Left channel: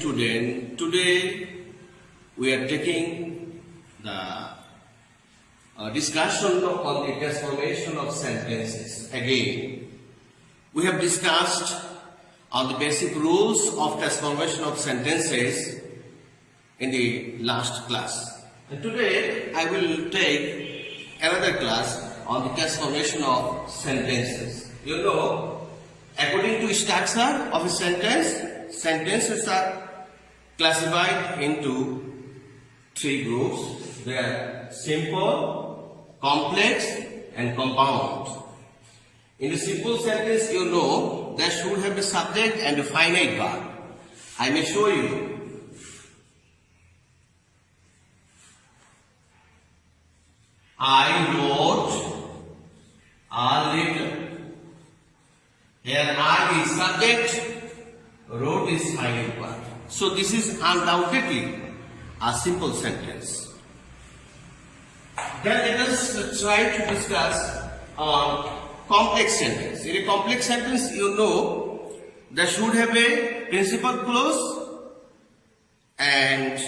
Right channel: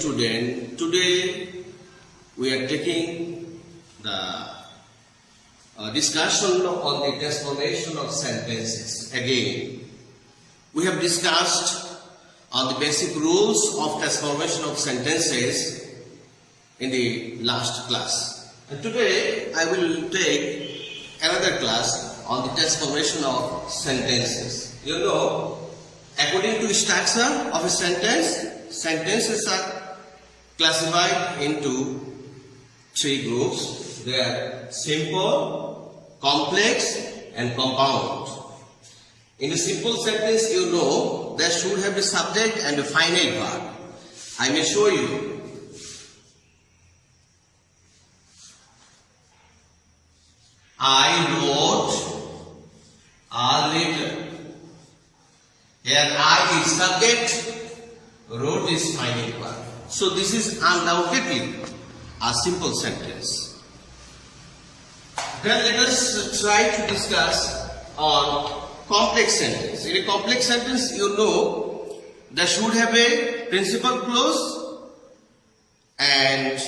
student. Today we are taking the discussion on the transformation of sentences. Again, we have discussed on the basic rules of transformation of sentences in the last class. And today I will take another class on the transformation of sentences. You know, according to structure of a sentence, sentences are classified into three groups. They are simple, complex and compound. In a simple sentence, you know, there should have a subject and a finite verb. I may show you. I wrote a letter. Here I is subject, wrote is finite verb. So this is undoubtedly a simple sentence. Then let us try to discuss on complex sentence. In a complex sentence, you know, there should have a principal clause and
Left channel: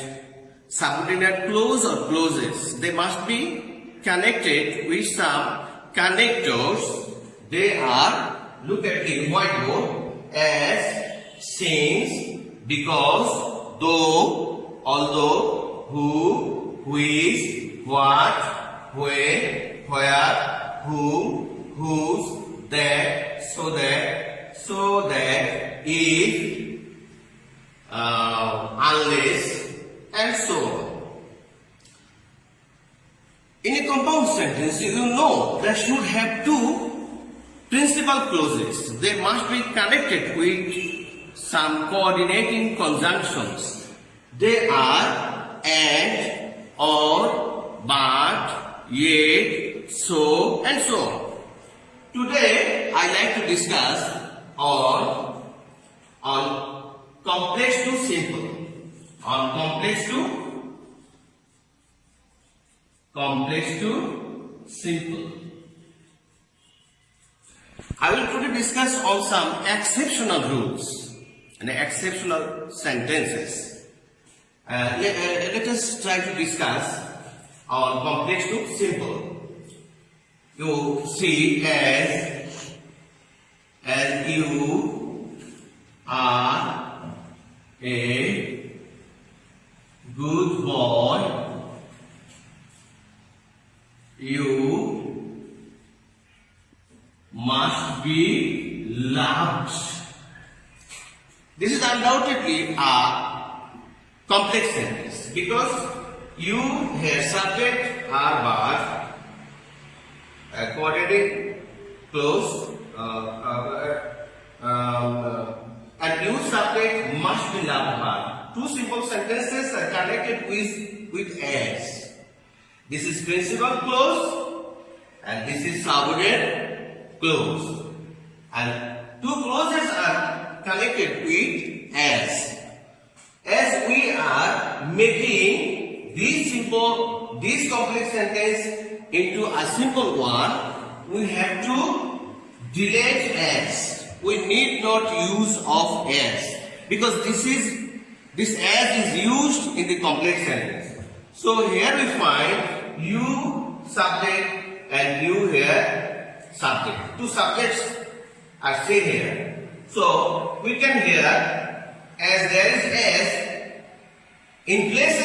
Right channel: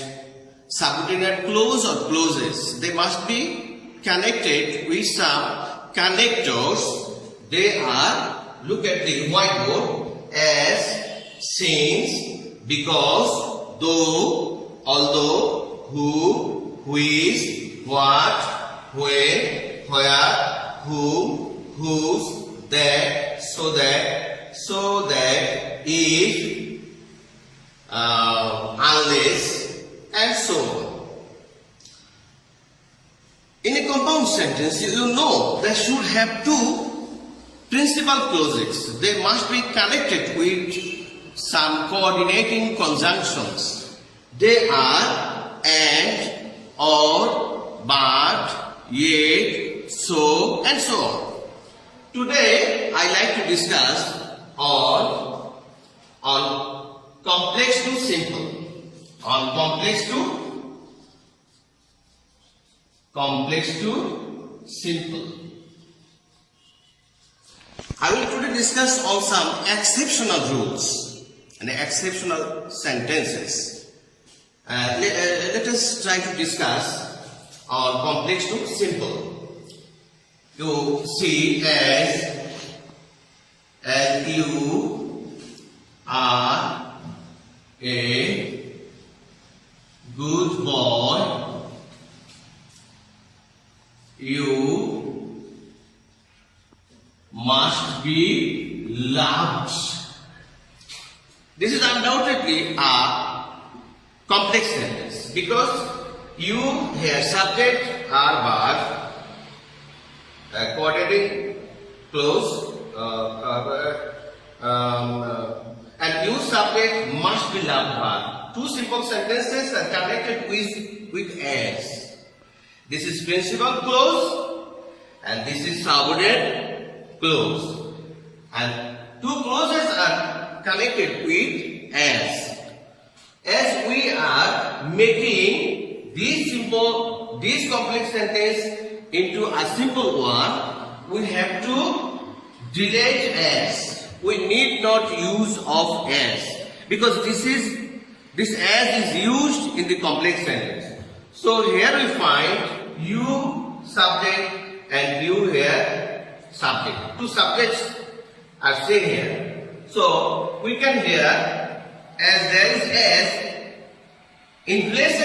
subordinate clause or clauses. They must be connected with some connectors. They are, look at the whiteboard, as, since, because, though, although, who, which, what, when, where, whom, whose, that, so that, if, unless, and so on. In a compound sentence, you know, there should have two principal clauses. They must be connected with some coordinating conjunctions. They are and, or, but, yet, so, and so on. Today, I like to discuss on complex to simple. On complex to simple. I will today discuss on some exceptional rules and exceptional sentences. Let us try to discuss on complex to simple. You see, as you are a good boy, you must be loved. This is undoubtedly a complex sentence because you here subject are verb, coordinating clause, and you subject must be loved verb. Two simple sentences are connected with as. This is principal clause and this is subordinate clause. And two clauses are connected with as. As we are making this complex sentence into a simple one, we have to delete as. We need not use of as because this as is used in the complex sentence. So here we find you subject and you here subject. Two subjects are seen here. So we can here, as there is as, in place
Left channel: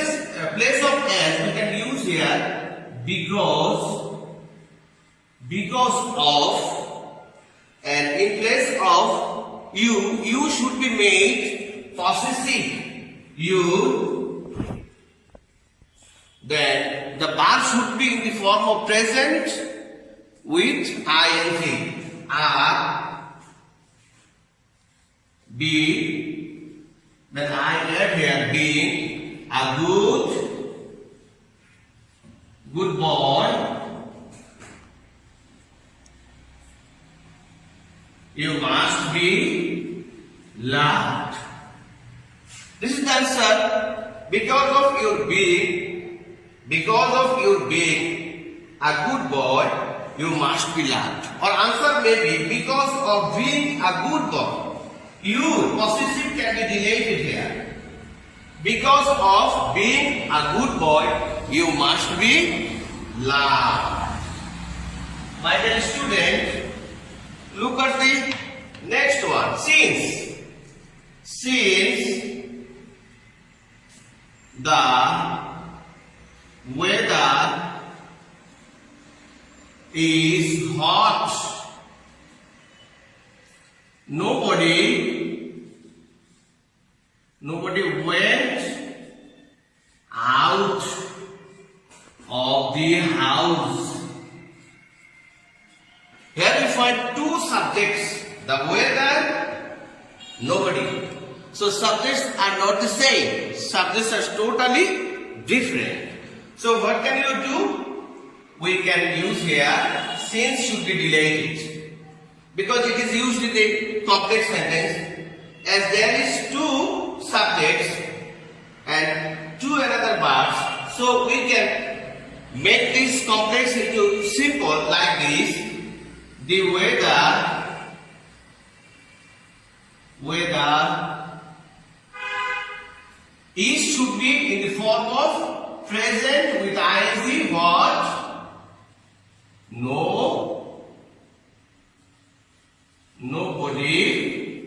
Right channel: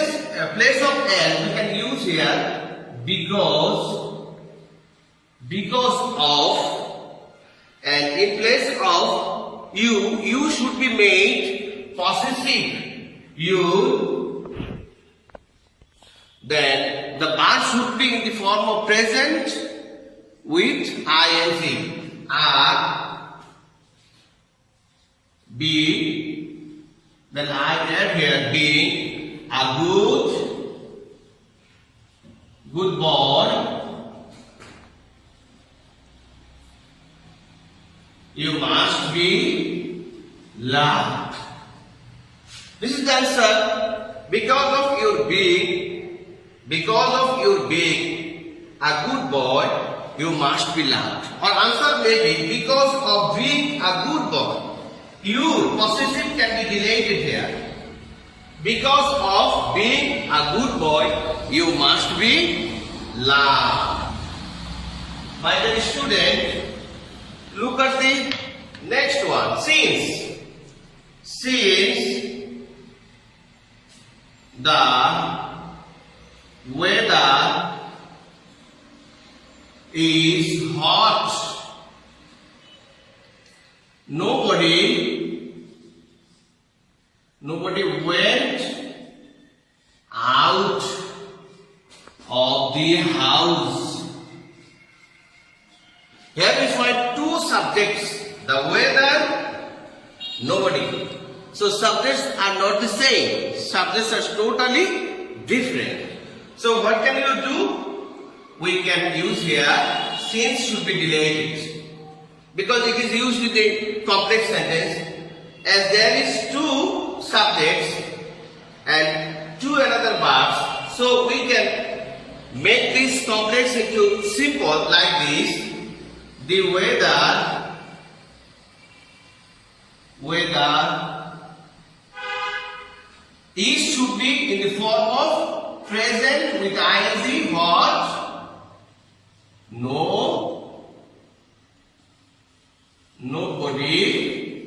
of as we can use here because of, and in place of you should be made possessive. You, then the verb should be in the form of present with ing. A, be, then I add here being a good boy. You must be loved. This is the answer. Because of your being a good boy, you must be loved. Or answer may be because of being a good boy. You, possessive can be deleted here. Because of being a good boy, you must be loved. My dear student, look at the next one. Since the weather is hot, nobody went out of the house. Here we find two subjects, the weather, nobody. So subjects are not the same. Subjects are totally different. So what can you do? We can use here since should be deleted, because it is used in the complex sentence, as there is two subjects and two another verbs. So we can make this complex into simple like this. The weather is should be in the form of present with ing. What? No. Nobody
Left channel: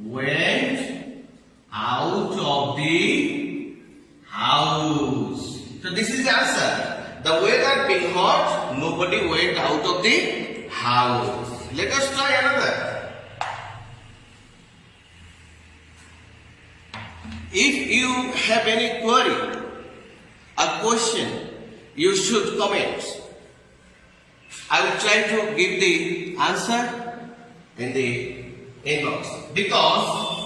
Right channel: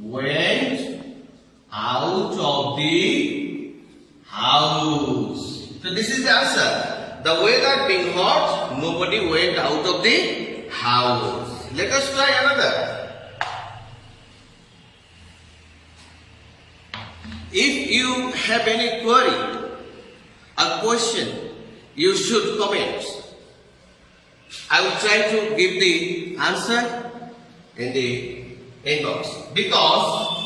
went out of the house. So this is the answer. The weather being hot, nobody went out of the house. Let us try another. If you have any query or question, you should comment. I will try to give the answer in the inbox. Because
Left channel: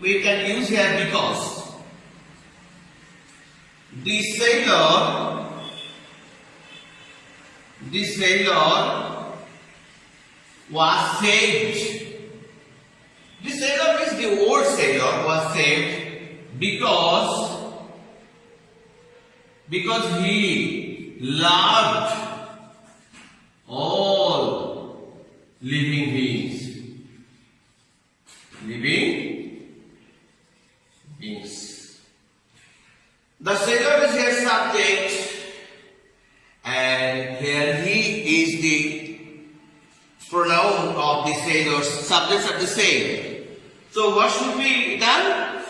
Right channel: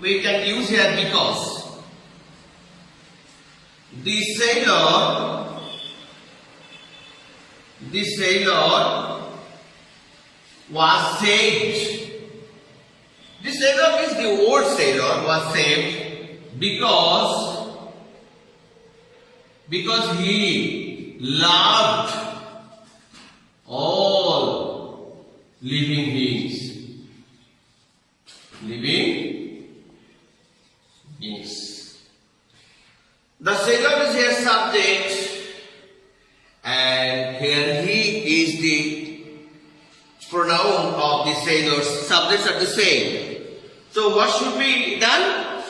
we can use here because. The sailor was saved. The sailor is the old sailor was saved because he loved all living beings. The sailor is here subject, and here he is the pronoun of the sailor. Subjects are the same. So what should be done?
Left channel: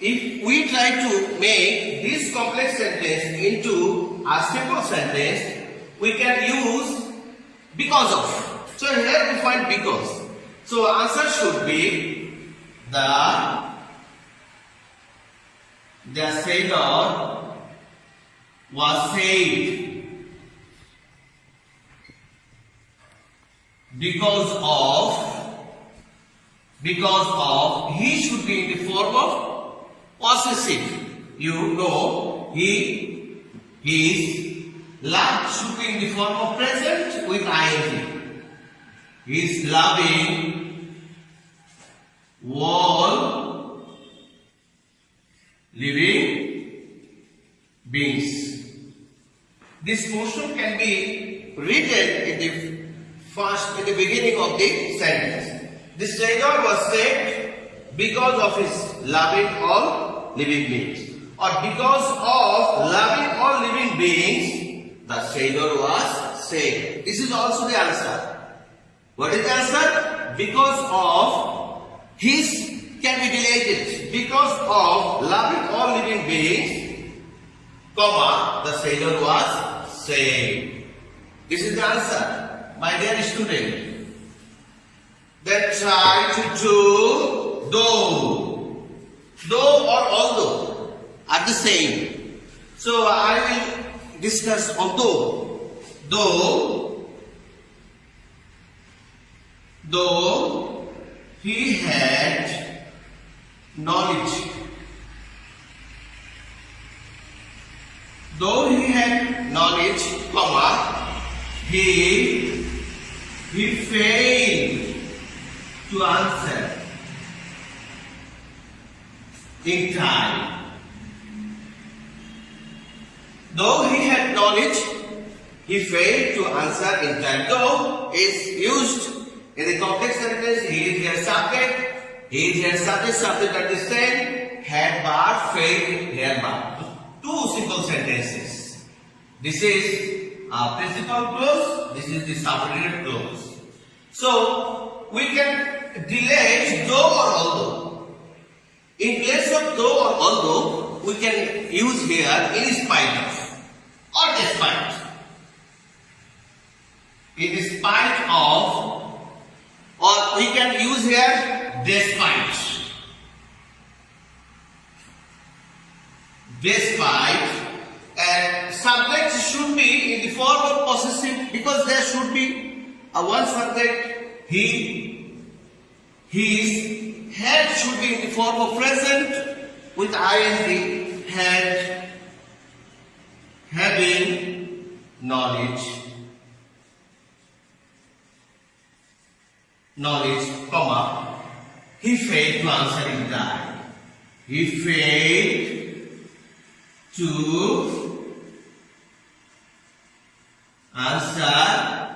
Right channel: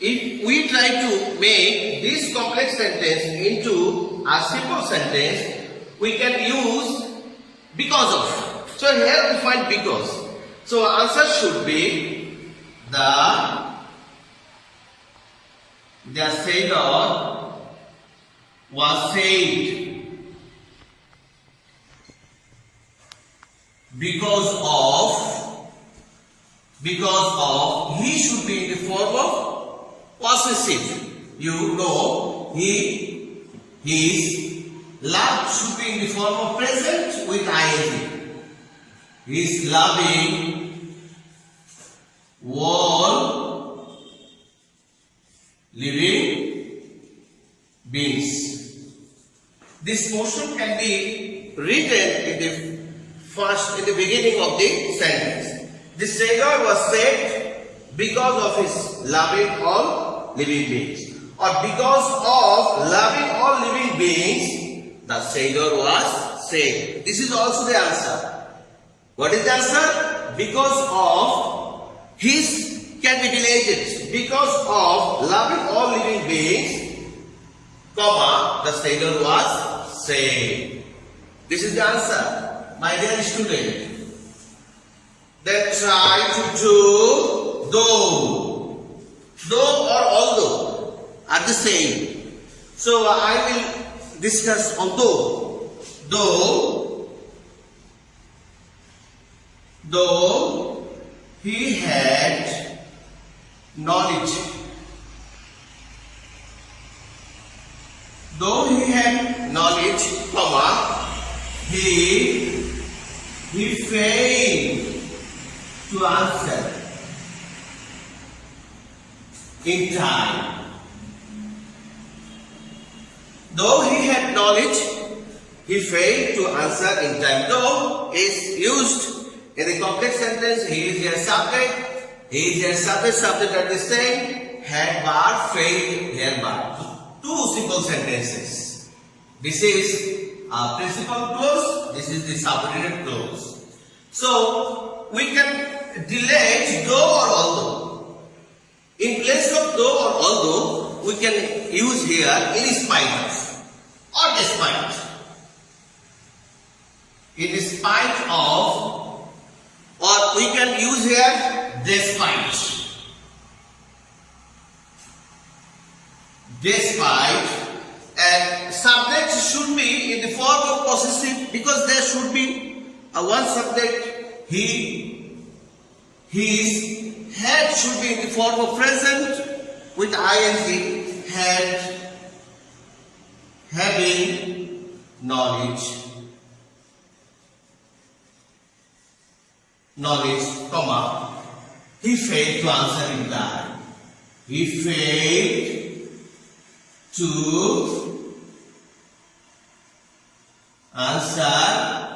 If we try to make this complex sentence into a simple sentence, we can use because of. So here we find because. So answer should be the sailor was saved because of he should be in the form of possessive. You know, his love should be in the form of present with ing. He is loving all living beings. This motion can be written in the beginning of the sentence. The sailor was saved because of his loving all living beings, or because of loving all living beings, the sailor was saved. This is also the answer. What is the answer? Because of his can be deleted. Because of loving all living beings, comma, the sailor was saved. This is the answer, my dear student. Then try to do though. Though or although are the same. So I will discuss on though. Though he had knowledge. Though he had knowledge, comma, he failed to answer in time. Though he had knowledge, he failed to answer in time. Though is used in the complex sentence. He is your subject. He is your subject. Subject are the same. had bar, failed here bar. Two simple sentences. This is a principal clause, this is the subordinate clause. So we can delete though or although. In place of though or although, we can use here in spite of or despite. In spite of, or we can use here despite. Despite, and subject should be in the form of possessive because there should be a one subject, he, his, had should be in the form of present with ing, had, having, knowledge, comma, he failed to answer in time. He failed to answer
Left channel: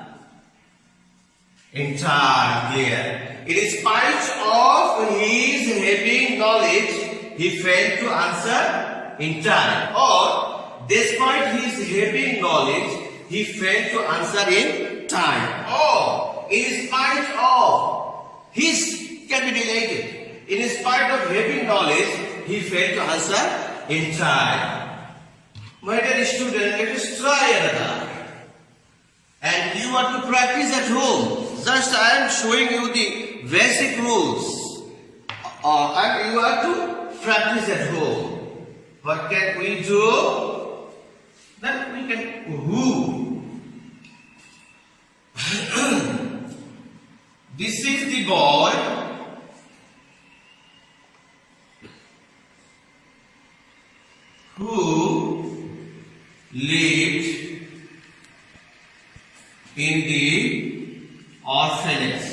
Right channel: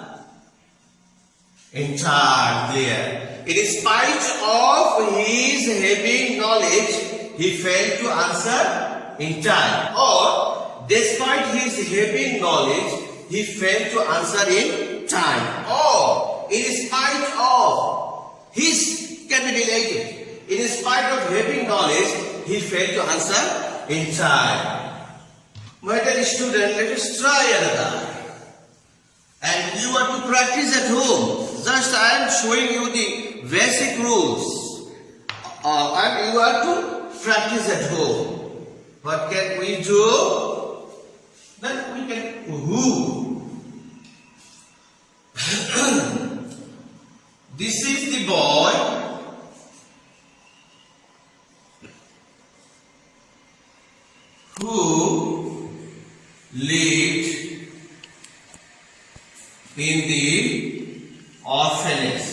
in time. Clear. In spite of his having knowledge, he failed to answer in time. Or despite his having knowledge, he failed to answer in time. Or in spite of his, can be related. In spite of having knowledge, he failed to answer in time. My dear student, let us try another. And you are to practice at home. Just I am showing you the basic rules. And you are to practice at home. What can we do? Then we can who. This is the boy who lived in the orphanage.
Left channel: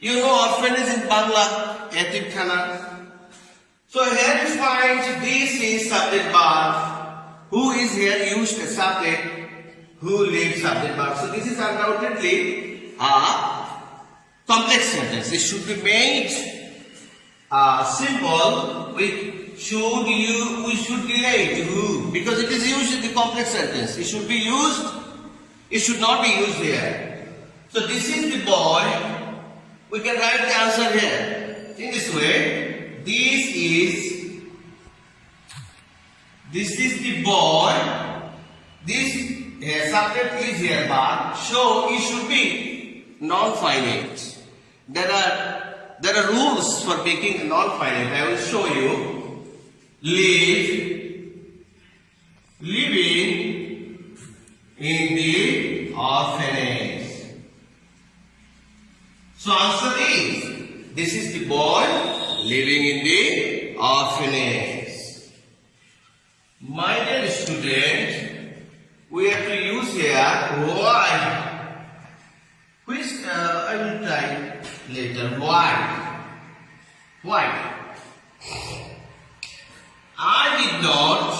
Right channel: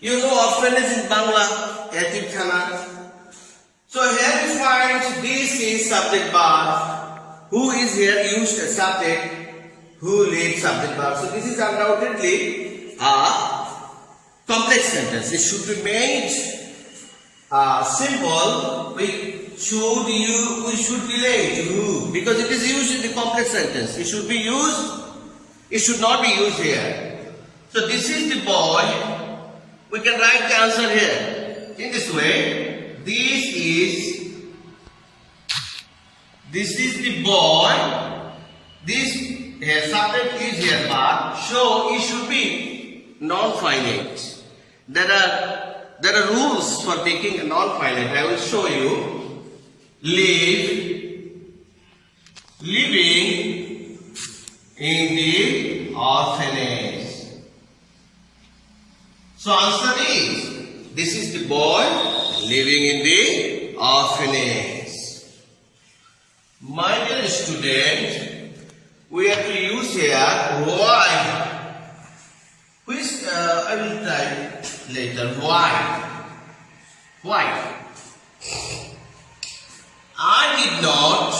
You know orphanage in Bangla, yatim khana. So here you find this is subject verb. Who is here used as subject, who lived subject verb. So this is undoubtedly a complex sentence. It should be made simple with we should relate who, because it is used in the complex sentence. It should be used, it should not be used here. So this is the boy. We can write the answer here in this way. This is the boy. This here subject is here verb. So it should be non-finite. There are rules for making a non-finite. I will show you. Living in the orphanage. So answer is, this is the boy living in the orphanage. My dear student, we have to use here why. Which I will try later. Why? Why? I did not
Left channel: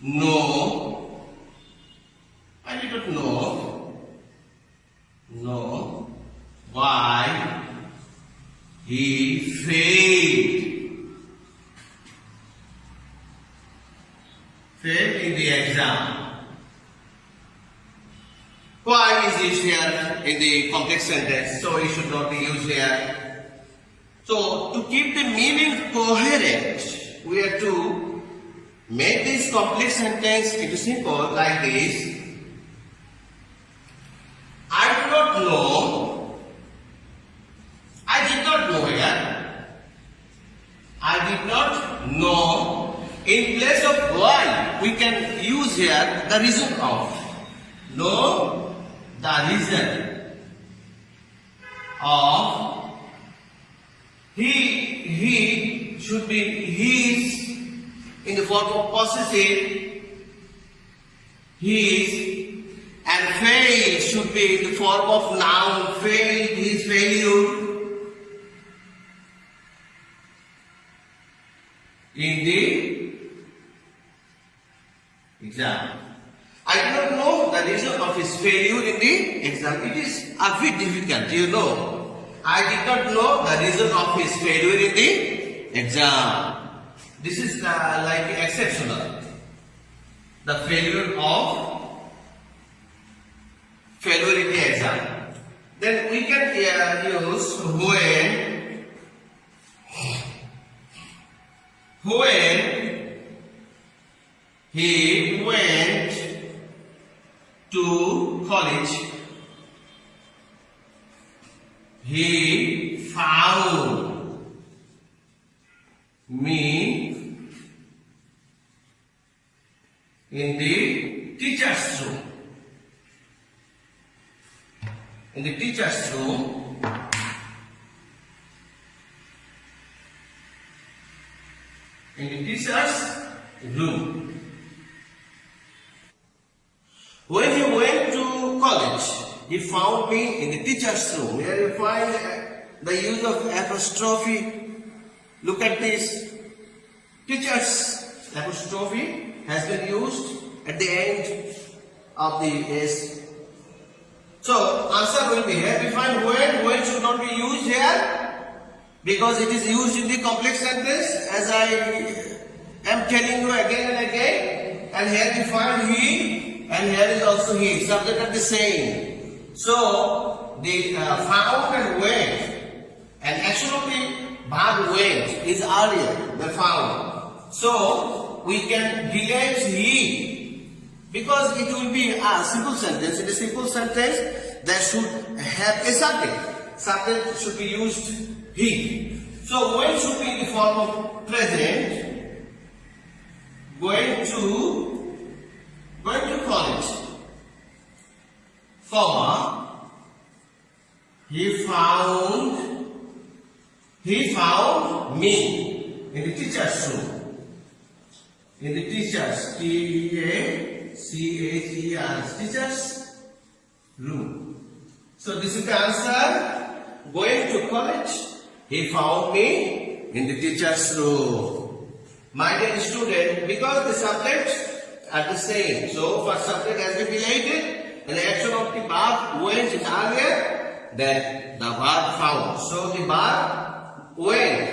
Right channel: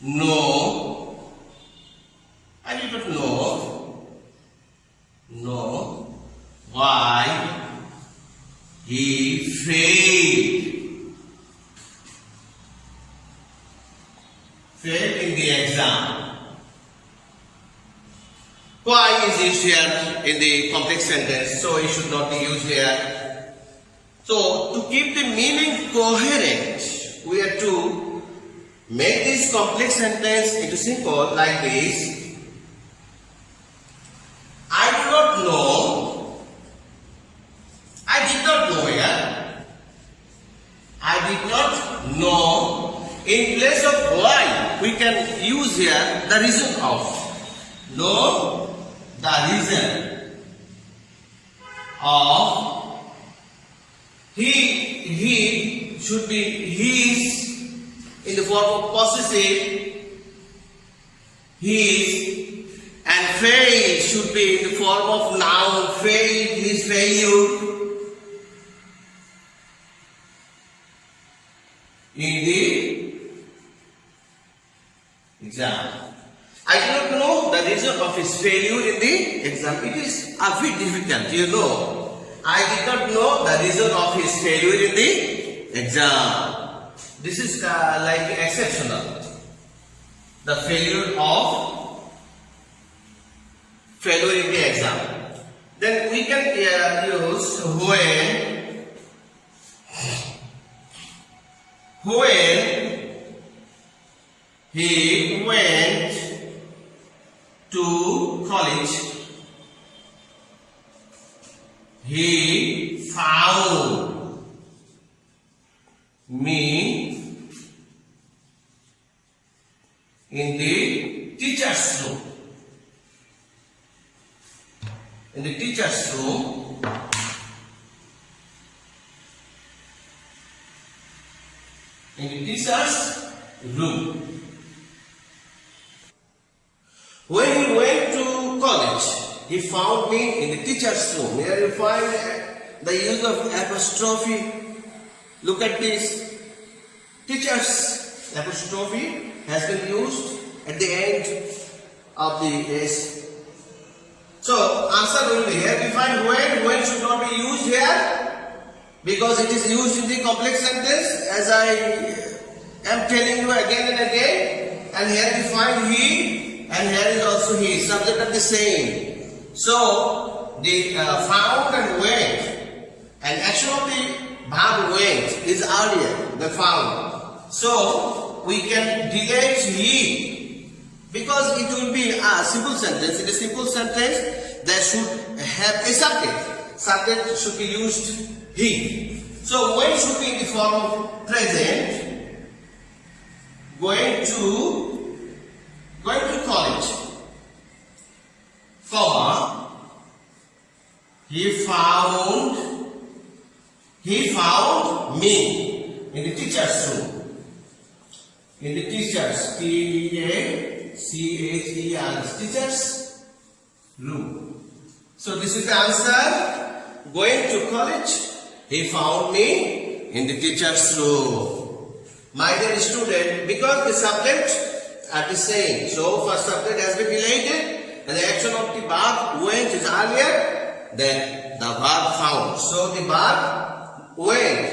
know why he failed in the exam. Why is this here in the complex sentence? So it should not be used here. So to keep the meaning coherent, we have to make this complex sentence into simple like this. I do not know. I did not know here. I did not know. In place of why, we can use here the reason of. Know the reason of. He should be his in the form of possessive. His, and fail should be in the form of noun. Failed, his failure. In the exam. I do not know of his failure in the exam? It is a bit difficult, you know. I did not know the reason of his failure in the exam. This is like exceptional. The failure in the exam. Then we can use when he went to college, he found me in the teacher's room. In the teacher's room, When he went to college, he found me in the teacher's room. Here you find the use of apostrophe. Look at this. Teacher's apostrophe has been used at the end of the S. So answer will be here. We find when should not be used here because it is used in the complex sentence, as I am telling you again and again. And here we find he, and here is also he. Subject are the same. So the found and went, and action of the verb went is earlier than found. So we can delete he, because it will be a simple sentence. In a simple sentence, there should have a subject. Subject should be used he. So when should be in the form of present. Going to college, comma, he found me in the teacher's room. In the teacher's, T-E-A-C-H-E-R, teacher's room. So this is the answer. Going to college, he found me in the teacher's room. My dear student, because the subjects are the same, so first subject has been deleted and the action of the verb went is earlier than the verb found. So the verb went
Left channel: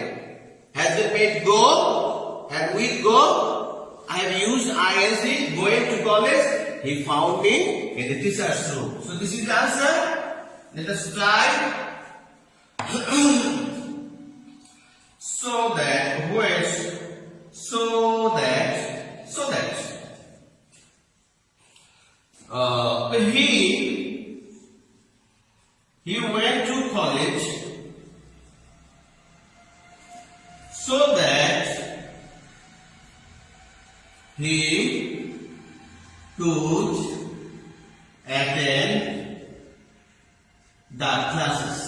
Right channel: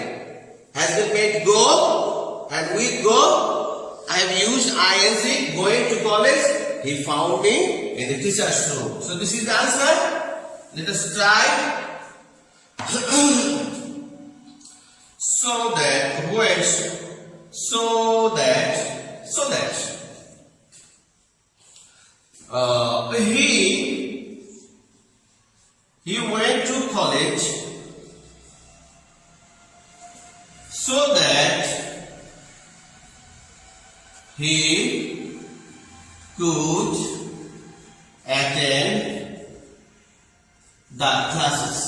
has been made go, and with go I have used ing. Going to college, he found me in the teacher's room. So this is the answer. Let us try. So that when, so that he went to college so that he could attend the classes.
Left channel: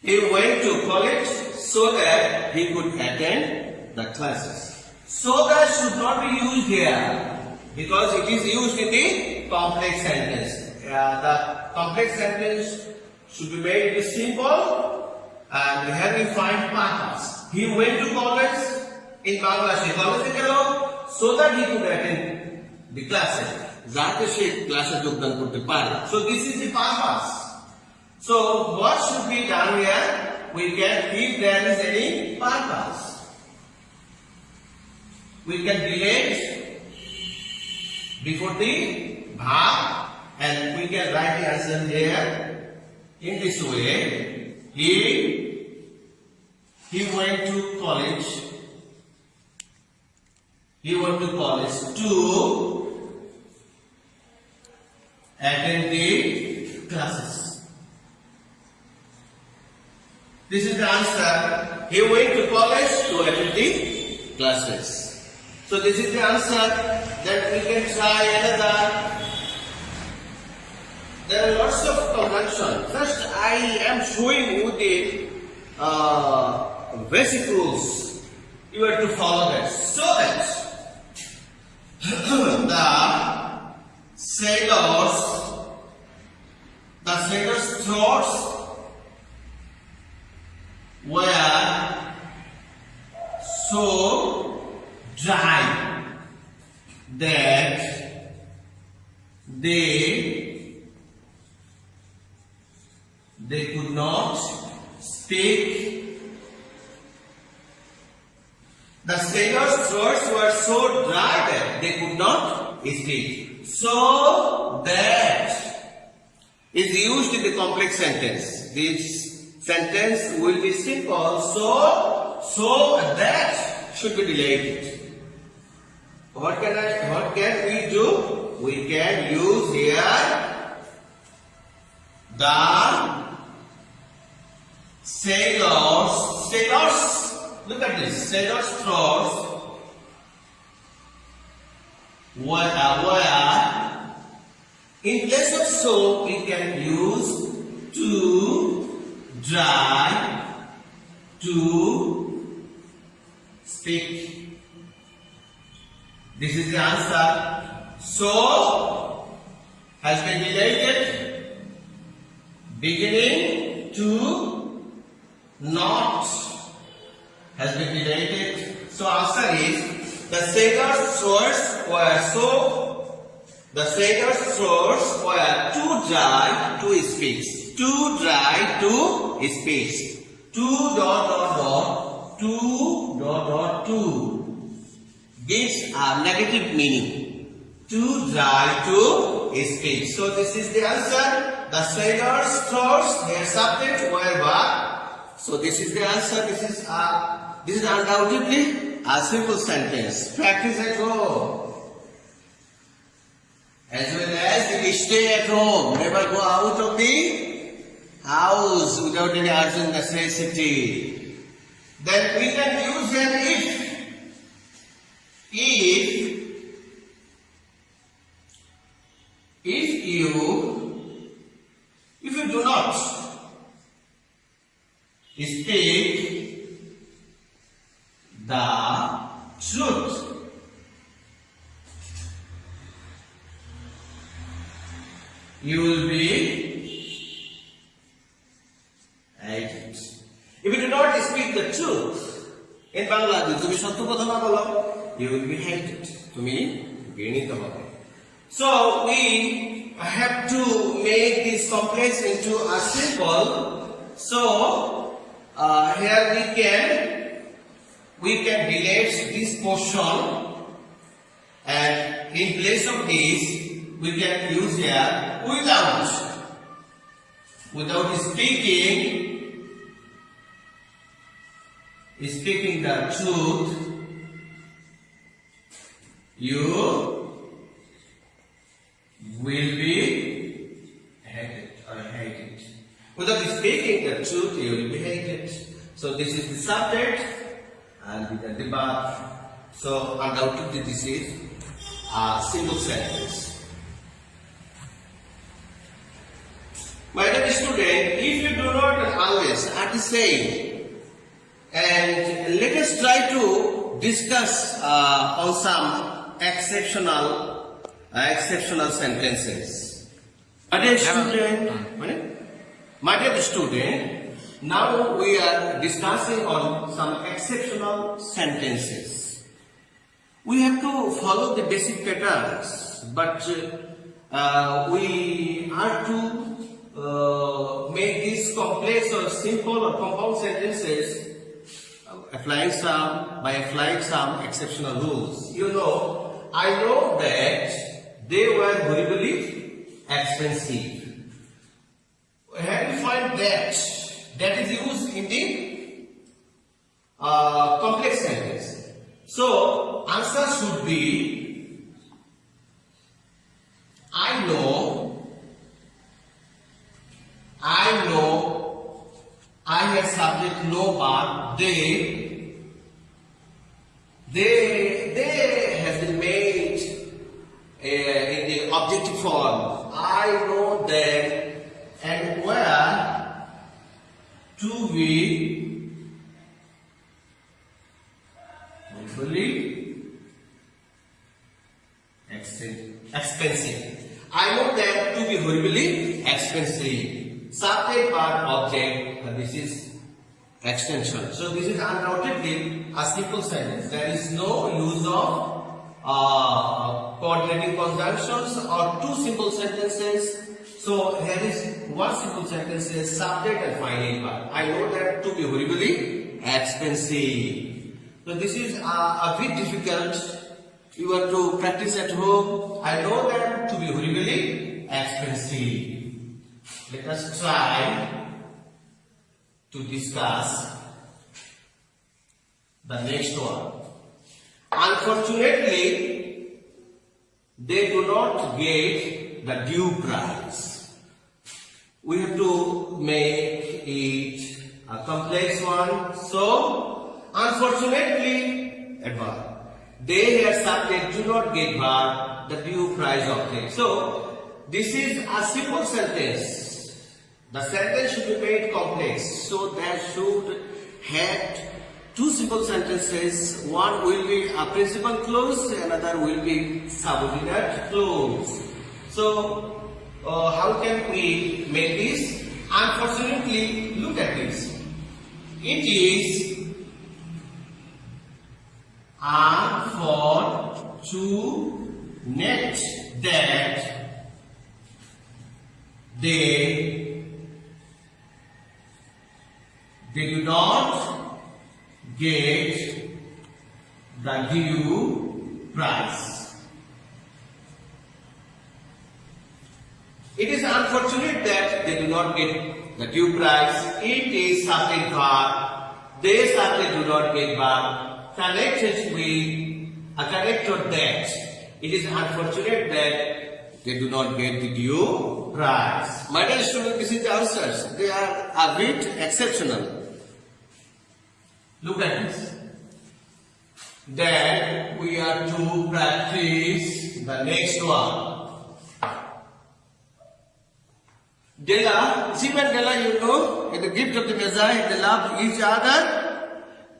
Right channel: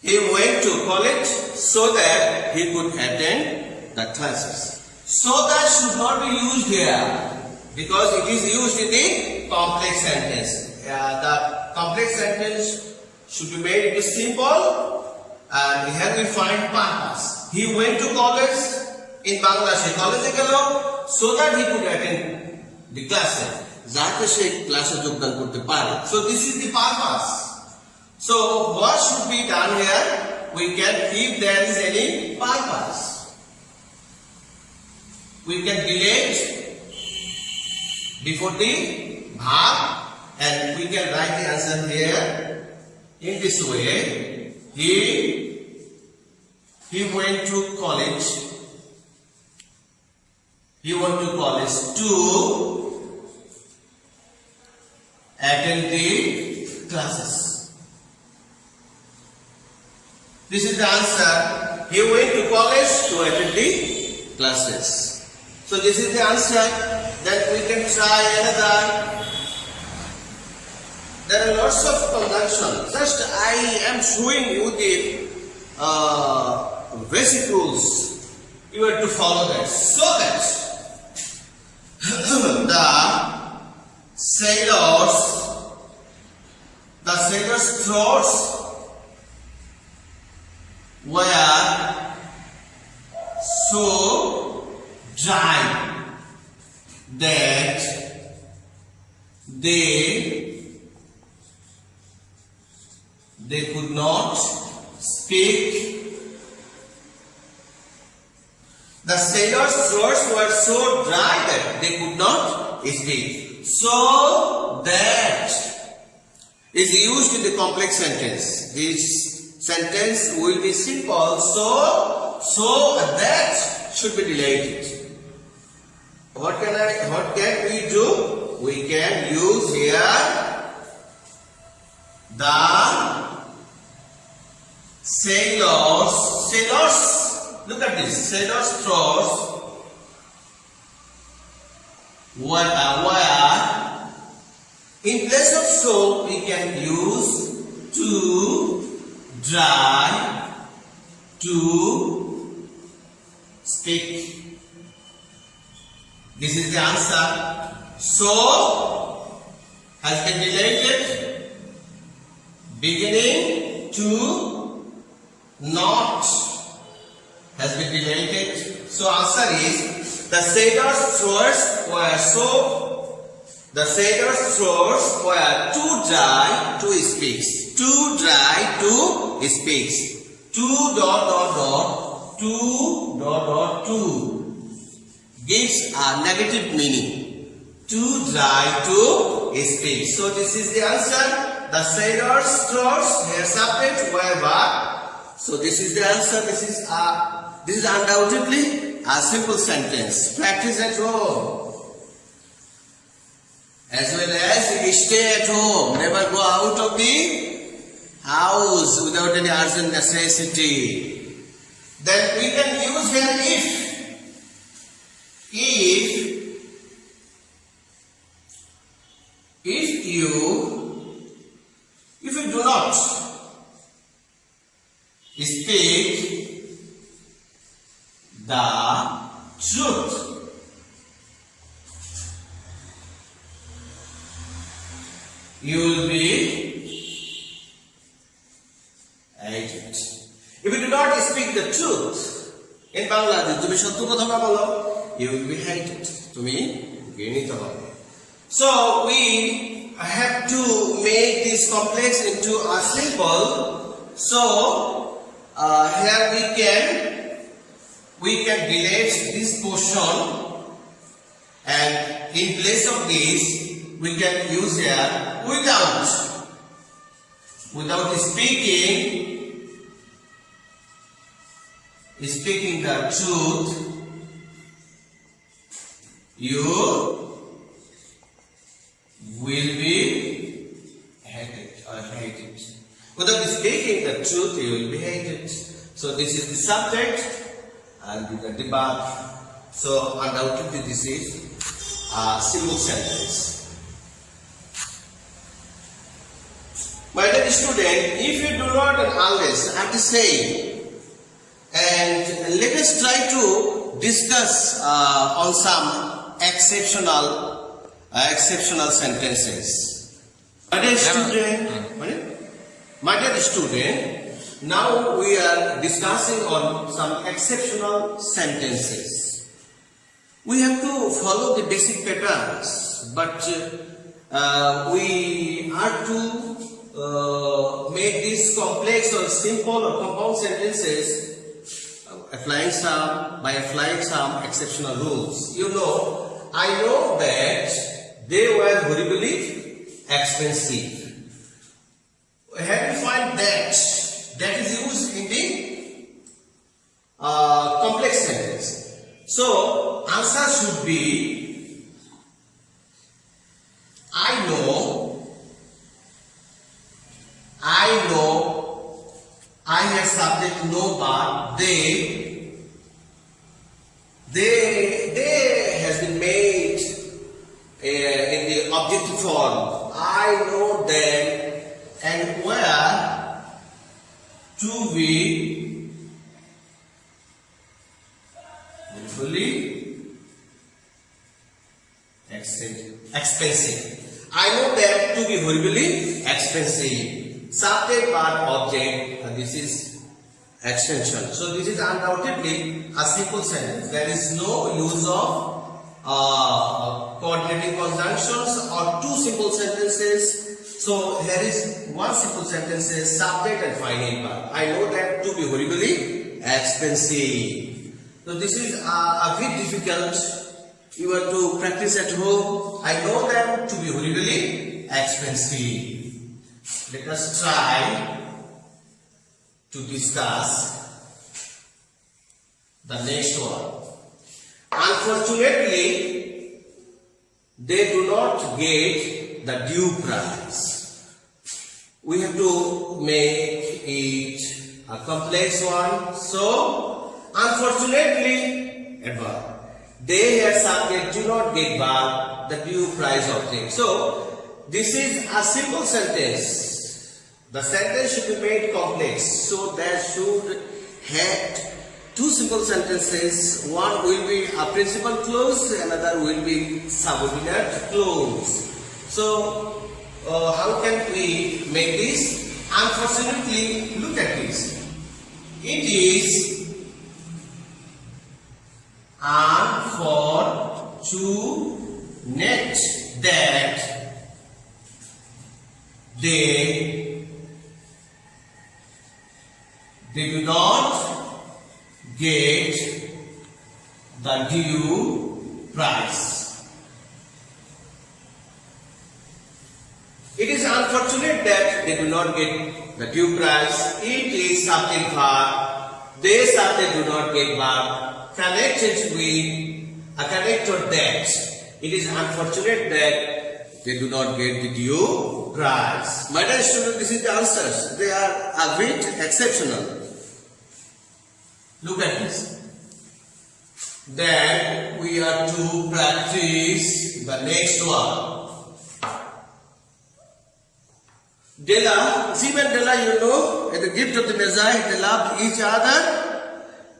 He went to college so that he could attend the classes. So that should not be used here because it is used in the complex sentence. The complex sentence should be made into simple, and here we find purpose. He went to college in Bangladesh. College gelo so that he could attend the classes. Jate she classes jogdan korte pare. So this is the purpose. So what should be done here? We can, if there is any purpose, we can delete before the verb and we can write the answer here in this way. He went to college. He went to college to attend the classes. This is the answer. He went to college to attend the classes. So this is the answer. Then we can try another. There are lots of conjunctions. Just I am showing you the basic rules. You have to follow that. So that the sailor's throats were so dry that they could not speak. The sailors' throats were so dry that they could not speak. So that is used in the complex sentence. This sentence will be simple. So that should be related. What can we do? We can use here the sailors. Look at this. Sailors' throats were in place of so we can use to dry to speak. This is the answer. So has been related, beginning to not has been related. So answer is the sailors' throats were too dry to speak. Too dry to speak. Two gives a negative meaning. Too dry to speak. So this is the answer. The sailors' throats, their subject were verb. So this is the answer. This is undoubtedly a simple sentence. Practice at home. As well as you stay at home. Never go out of the house without any urgent necessity. Then we can use here if you do not speak the truth, you will be hated. If you do not speak the truth, in Bangladesh, তুমি সত্য কথা না বলো, you will be hated. তুমি ঘৃণিত হবে. So we have to make this complex into a simple. So here we can delete this portion, and in place of this we can use here without speaking the truth, you will be hated or hated. Without speaking the truth, you will be hated. So this is the subject and the verb. So undoubtedly this is a simple sentence. My dear student, if you do not and unless are the same, and let us try to discuss on some exceptional sentences. My dear student, now we are discussing on some exceptional sentences. We have to follow the basic patterns, but we are to make these complex or simple or compound sentences by applying some exceptional rules. You know, I know that they were horribly expensive. Have you find that is used in the complex sentence? So answer should be I know I have subject no verb, they has been made in the objective form. I know them, and where to be fully expensive. I know them to be horribly expensive. Subject, verb, object, and this is extension. So this is undoubtedly a simple sentence. There is no use of coordinate alternating conjunctions or two simple sentences. So here is one simple sentence says subject and finite verb. I know that to be horribly expensive. So this is a bit difficult. You have to practice at home. I know them to be horribly expensive. Let us try to discuss the next one. Unfortunately, they do not get the due price. We have to make it a complex one. So, unfortunately, adverb. They here subject do not get verb the due price of things. So, this is a simple sentence. The sentence should be made complex. So, there should have two simple sentences. One will be a principal clause, another will be subordinate clause. So, how can we make this? Unfortunately, look at this. It is unfortunate that they do not get the due price. It is unfortunate that they do not get the due price. It is subject verb. They subject do not get verb connected with a connector that. It is unfortunate that they do not get the due price. My dear students, this is the answers. They are a bit exceptional. Look at this. Then we are to practice the next one. Della, Simon Della, you know, at the gift of the Messiah, they loved each other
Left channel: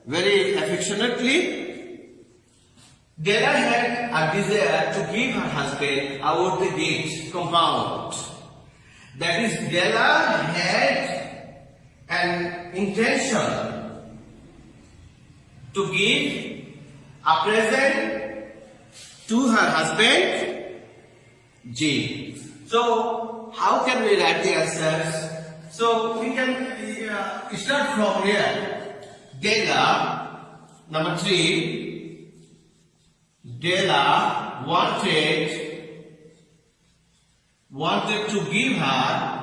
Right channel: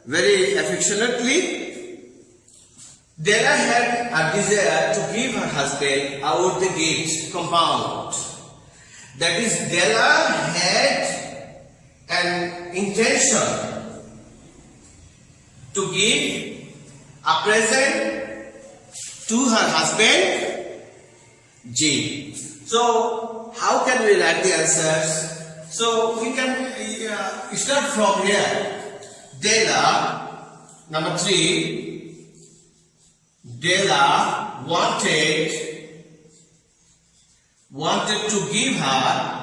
very affectionately. Della had a desire to give her husband out the gate compound. That is, Della had an intention to give a present to her husband, Jim. So, how can we write the answers? So, we can start from here. Della, number 3, Della wanted to give her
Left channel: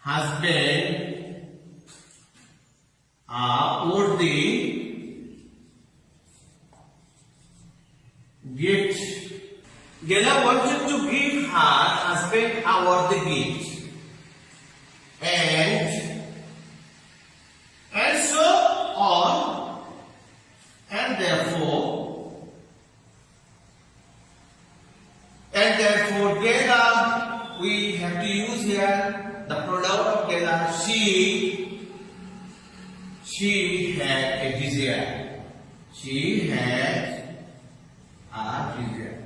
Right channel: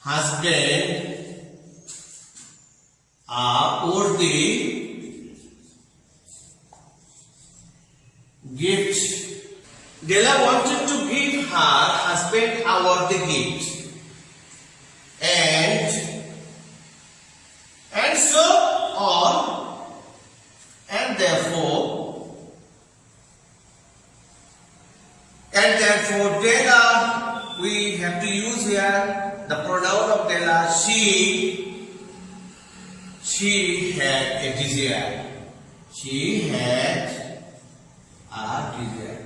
husband a worthy gift. Della wanted to give her husband a worthy gift. And so on, and therefore Della, we have to use here the pronoun of Della, she had a desire. She had a desire.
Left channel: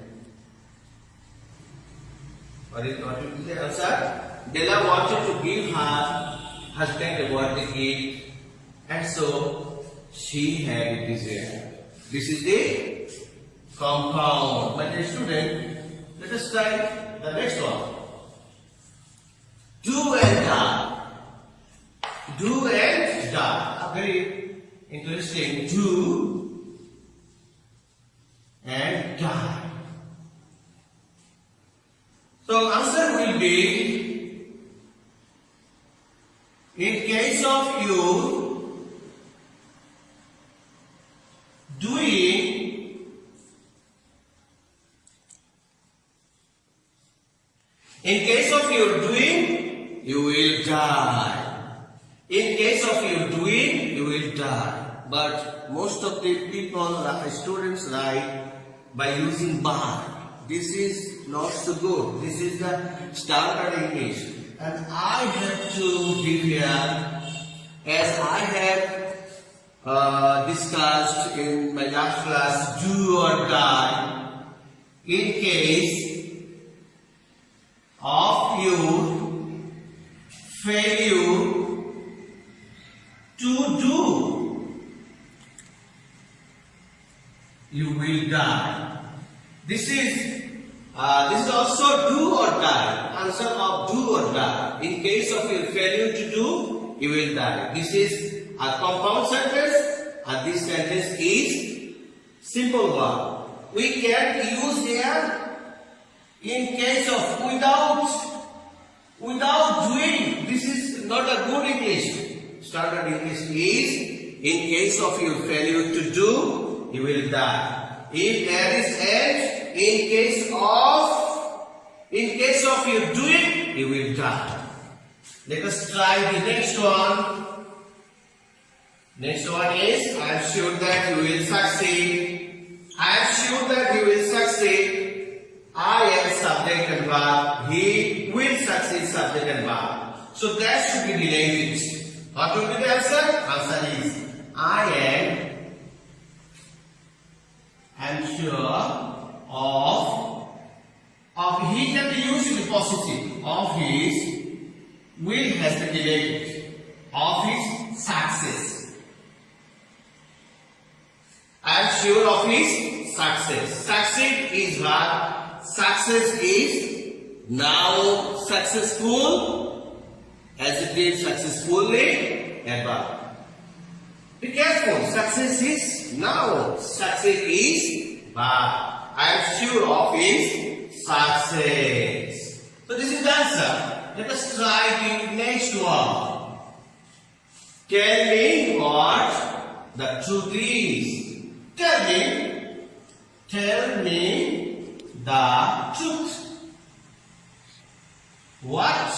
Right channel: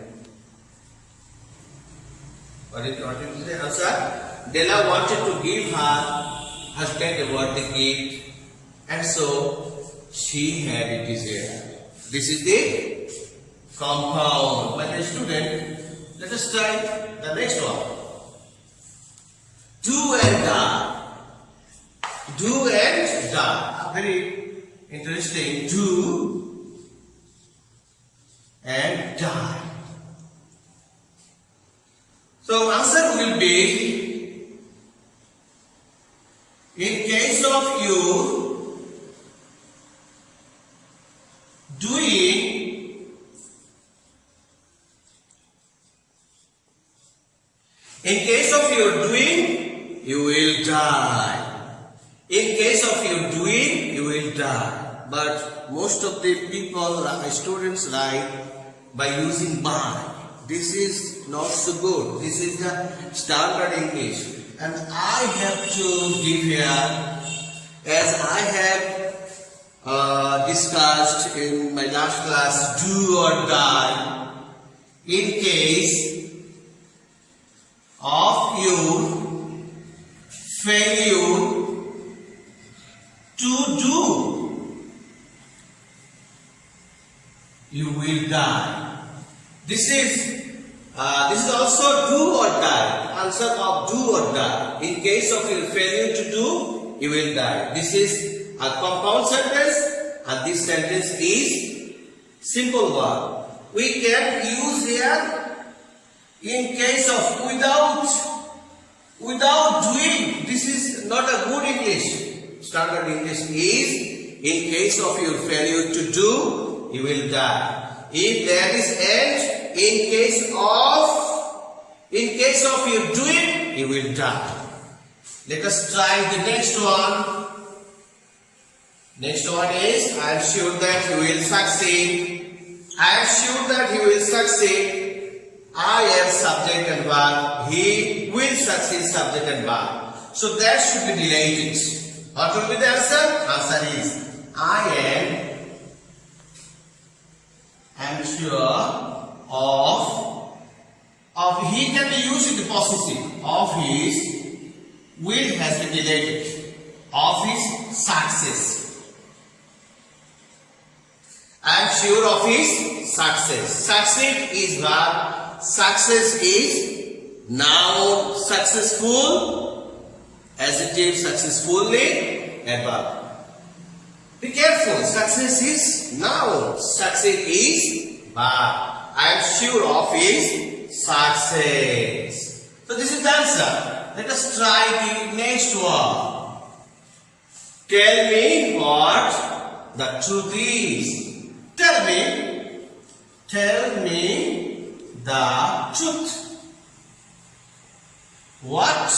What is the answer? Della wanted to give her husband a worthy gift, and so she had a desire. This is the compound. My dear student, let us try the next one. Do and die. Do and die. A very interesting. Do and die. So answer will be, in case of you doing, you will die. In case of you doing, you will die. But most of the people, students write by using by. This is not so good. This is the standard English. And I have to give here, as I have discussed in my last class, do or die. In case of your failure to do, you will die. This is also do or die. Answer of do or die. In case of your failure to do, you will die. This is a compound sentence, and this sentence is simple one. We can use here in case of without doing. This is not a good English. Standard English is in case of your failure to do, you will die. If there is and in case of your doing, you will die. Let us try the next one. Next one is, I am sure that you will succeed. I am sure that you will succeed. I am subject and verb. He will succeed, subject and verb. So that should be deleted. What will be the answer? Answer is I am sure of he can be used in the possessive. Of his will has been deleted. Of his success. I am sure of his success. Succeed is verb. Success is noun. Successful, adjective, successfully, adverb. Be careful. Success is noun. Succeed is verb. I am sure of his success. So this is the answer. Let us try the next one. Tell me what the truth is. Tell me the truth. What?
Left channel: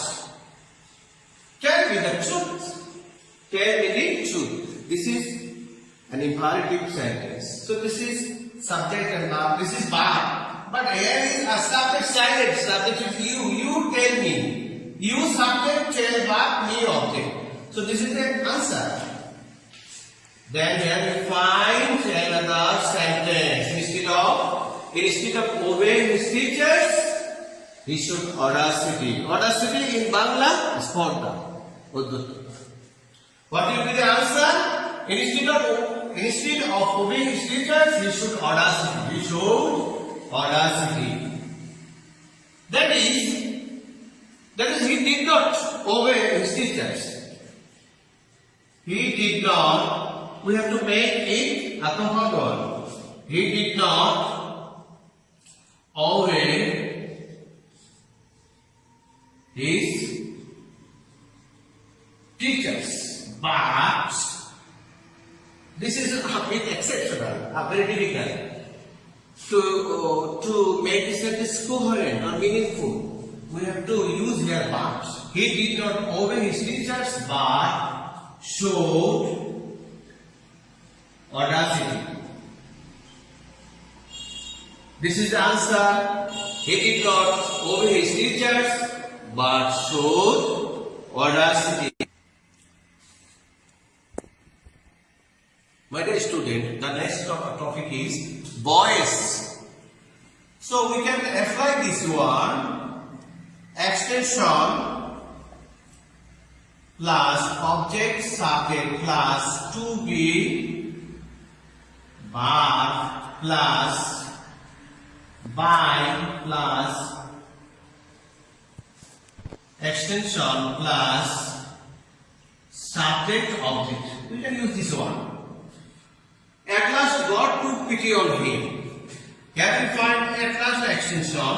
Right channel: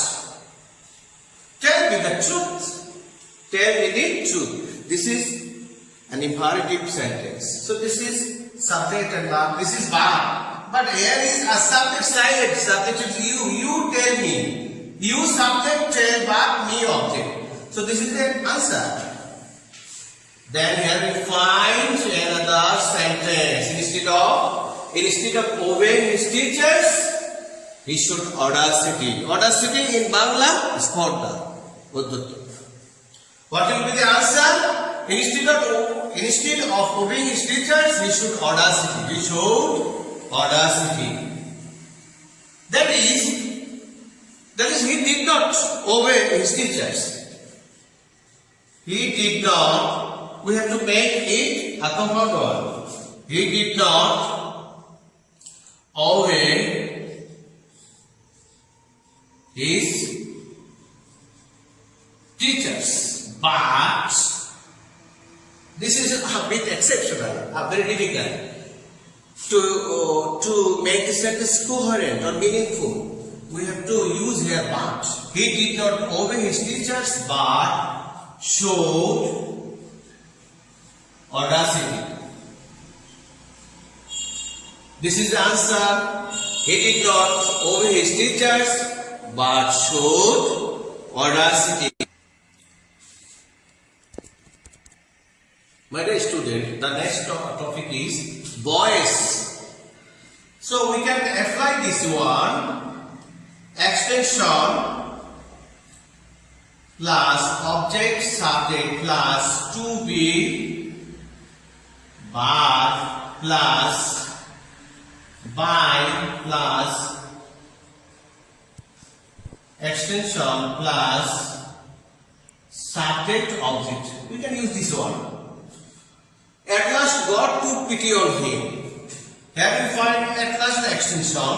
Tell me the truth. Tell me the truth. This is an imperative sentence. So this is subject and verb. This is verb. But here is a subject silent. Subject is you. You tell me. You subject, tell verb, me object. So this is the answer. Then here we find another sentence. Instead of obeying his teachers, he should audacity. Audacity in Bangla is Porda. What will be the answer? Instead of obeying his teachers, he should audacity. He showed audacity. That is he did not obey his teachers. He did not. We have to make it a compound word. He did not obey his teachers, but this is a bit exceptional, very difficult to make the sentence coherent or meaningful. We have to use here but. He did not obey his teachers, but showed audacity. This is the answer. He did not obey his teachers, but showed audacity. My dear student, the next topic is voice. So we can apply this one. Extension plus object subject plus to be verb plus by plus extension plus subject object. We can use this one. At last God took pity on him. Here we find at last the extension.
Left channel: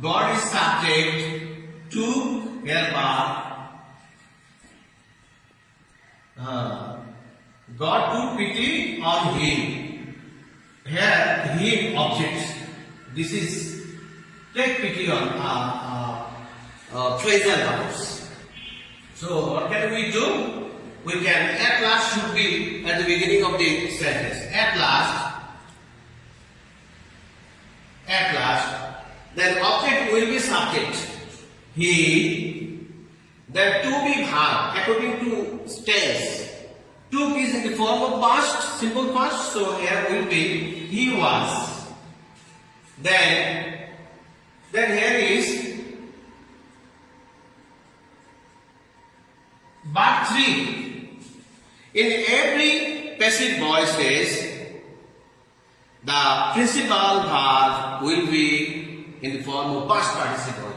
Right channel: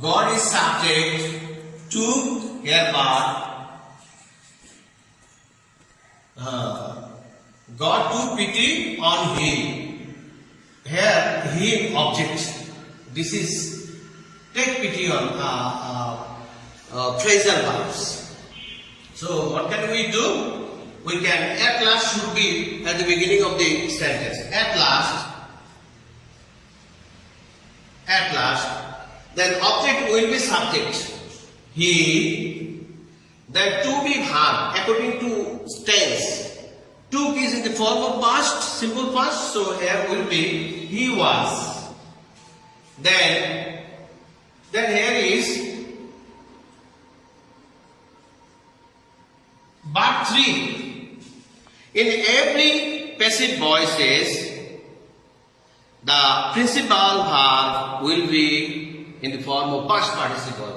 God is subject to here verb. God took pity on him. Here him object. This is take pity on phrasal verbs. So what can we do? We can at last should be at the beginning of the sentence. At last. Then object will be subject. He. Then to be verb according to tense. Took is in the form of past, simple past. So here will be he was. Then here is but 3. In every passive voices, the principal verb will be in the form of past participle.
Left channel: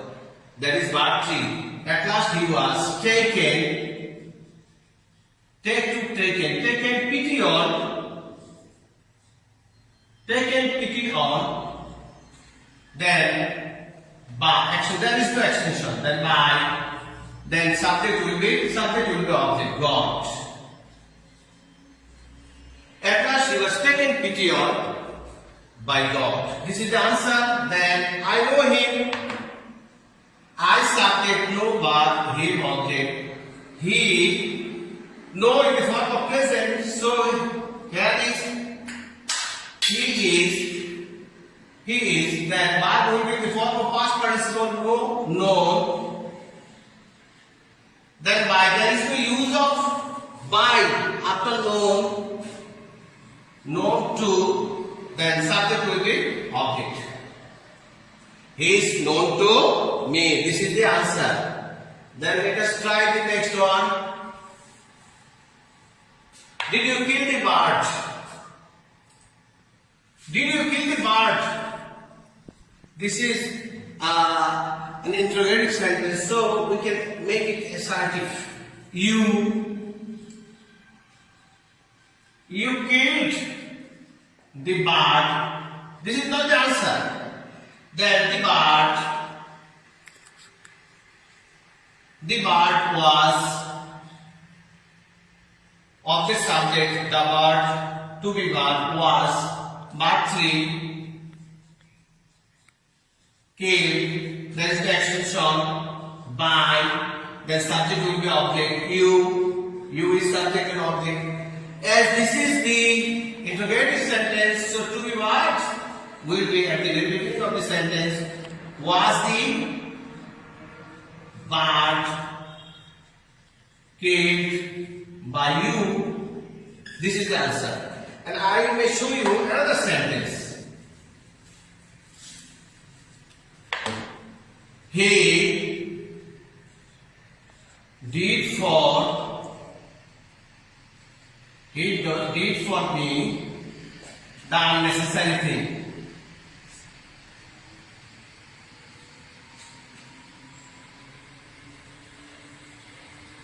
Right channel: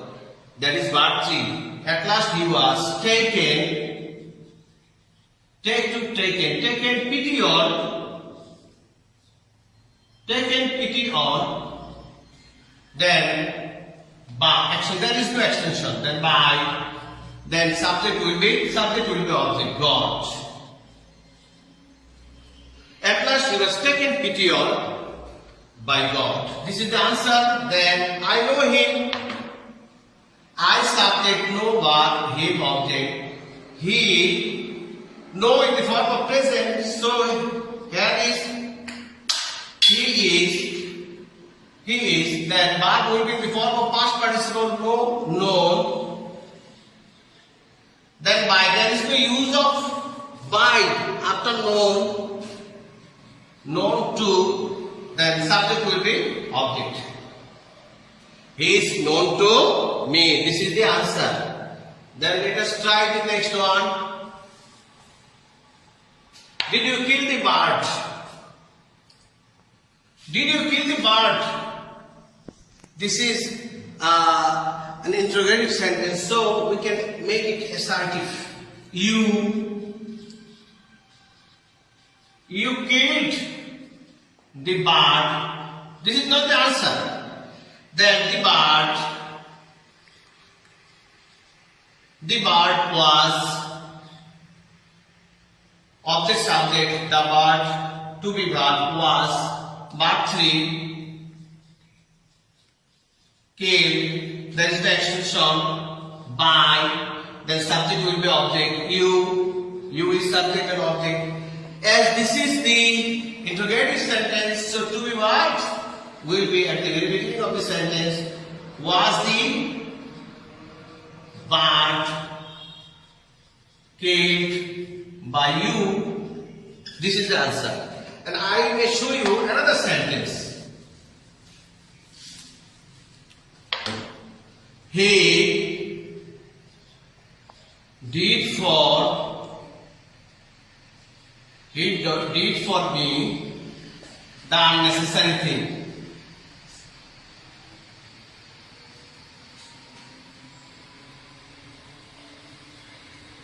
That is verb 3. At last he was taken, taken pity on, then by, actually there is no extension, then by, then subject will be object, God. At last he was taken pity on by God. This is the answer. Then I know him. I subject, no verb, him object. He, no in the form of present. So here is he is. Then verb will be in the form of past participle, no, known. Then by, there is no use of by after known to, then subject will be object. He is known to me. This is the answer. Then let us try the next one. Did you kill the bird? Did you kill the bird? This is an interrogative sentence, so we can make it assertive. You killed the bird. This is not the answer. Then the bird was object subject, the bird to be verb was verb 3, killed, there is the extension by, then subject will be object, you is subject and object. As this is the interrogative sentence, so to be what will be at the very beginning of the sentence, was the bird killed by you? This is the answer. And I may show you another sentence. He did for me the unnecessary thing.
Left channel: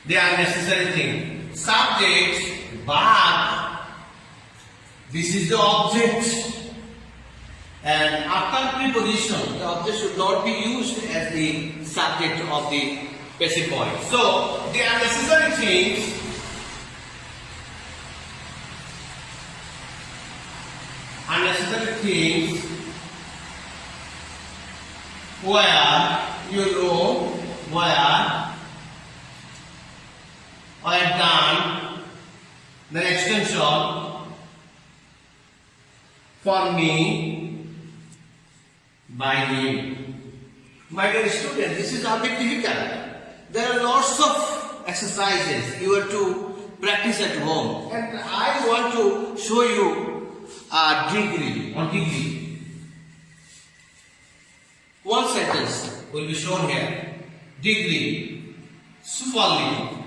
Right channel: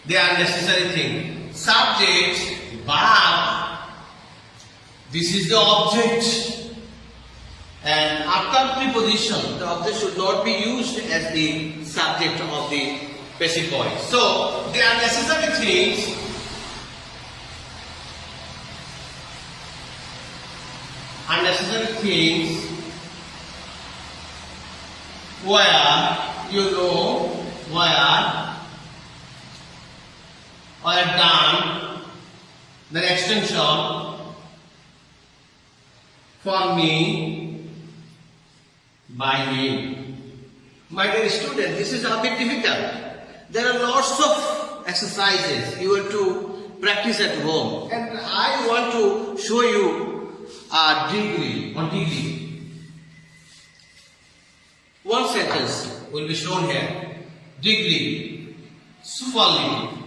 The unnecessary thing. Subject, verb. This is the object. And after preposition, the object should not be used as the subject of the passive body. So, the unnecessary things where, you know, were done, the extension for me by him. My dear student, this is a bit difficult. There are lots of exercises you have to practice at home, and I want to show you a degree. One sentence will be shown here. Degree, superlative.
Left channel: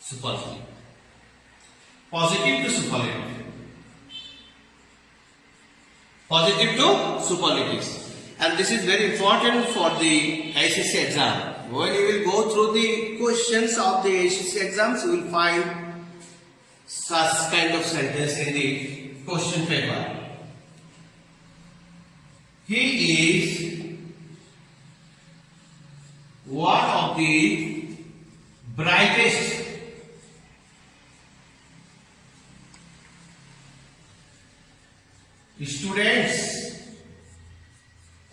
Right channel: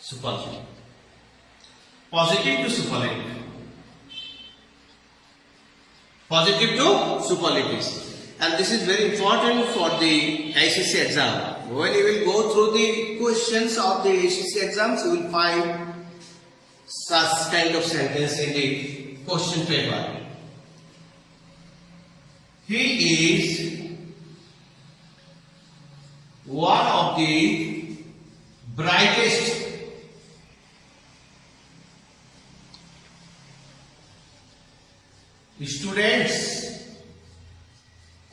Superlative. Positive to superlative. Positive to superlatives. And this is very important for the HSC exam. When you will go through the questions of the HSC exams, you will find such kind of sentence in the question paper. He is one of the brightest students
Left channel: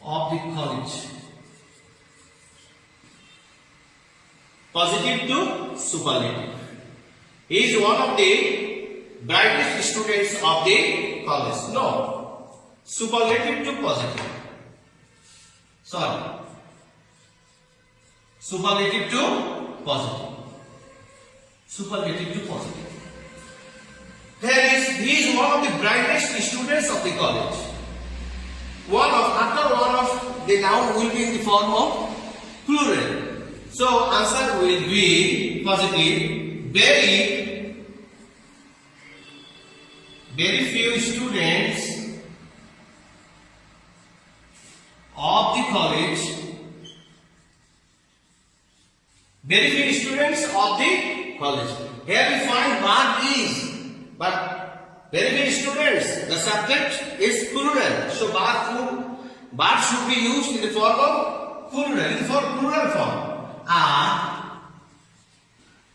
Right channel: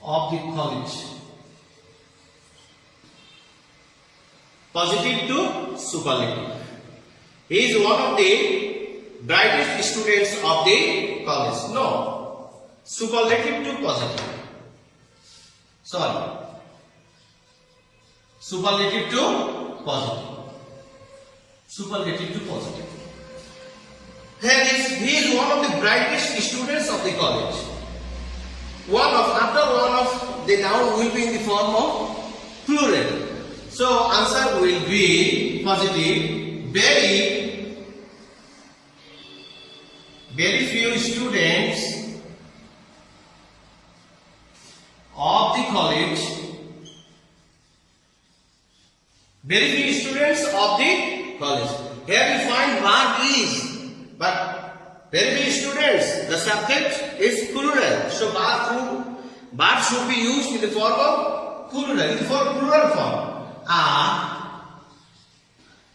of the college. Positive to superlative. He is one of the brightest students of the college. No. Superlative to positive. Sorry. Superlative to positive. Superlative to positive. He is one of the brightest students of the college. After one of the noun will be in the form of plural. So answer will be positive, very few students of the college, very few students of the college. Here we find verb is, but very few students. The subject is plural, so verb should be used in the form of plural form. Are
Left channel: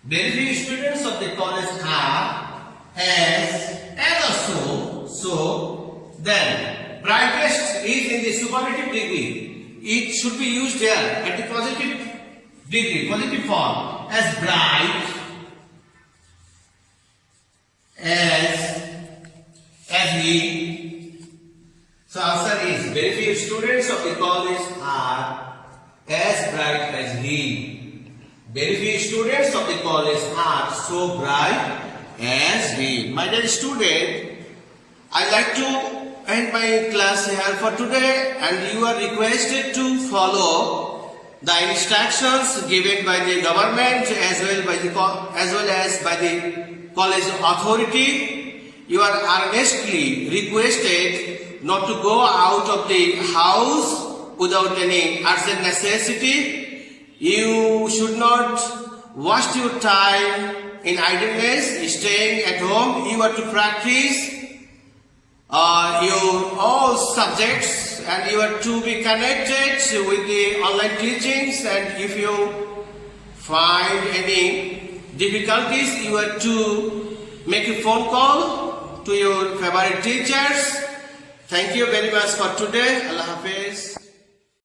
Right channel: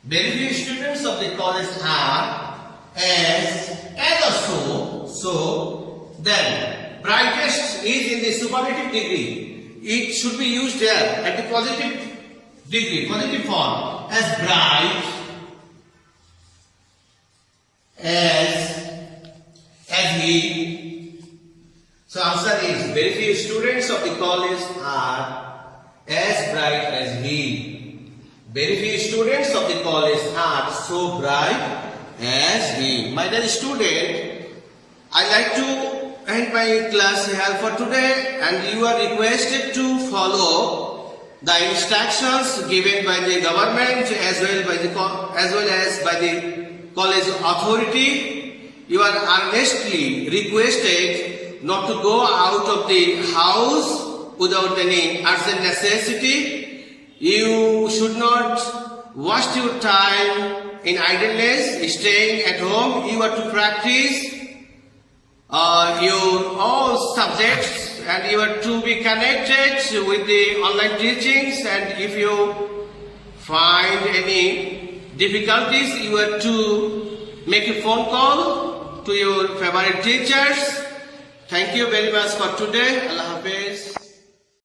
very few students of the college are as also, so, then. Brightest is in the superlative degree. It should be used there at the positive degree, positive form. As bright, as he. So answer is very few students of the college are as bright as he. Very few students of the college are so bright as he. My dear student, I like to end my class here for today, and you are requested to follow the instructions given by the government as well as by the college authority. You are earnestly requested not to go out of the house without any urgent necessity. You should not waste your time in idleness, staying at home. You are to practice your all subjects, and you are to be connected with the online teachings, and if you find any difficulties, you are to make a phone call to your favorite teachers. Thank you very much for today. Allah Hafiz.